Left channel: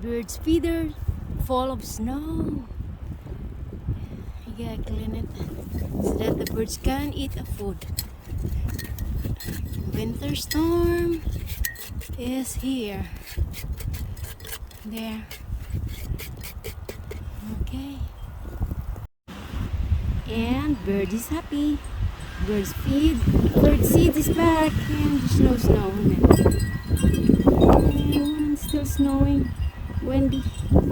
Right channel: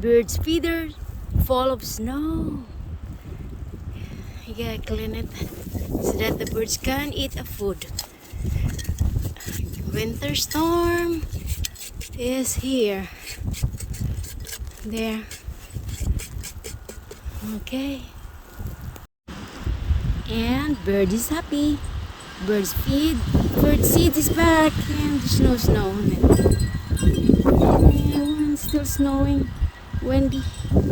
Birds feeder full of snow. You gotta clean it so that the birds can eat a food. Winter storm is here. There. Okay. And bird is happy. Bird seed is back, and there's no snow on it. And still snowing. Windy.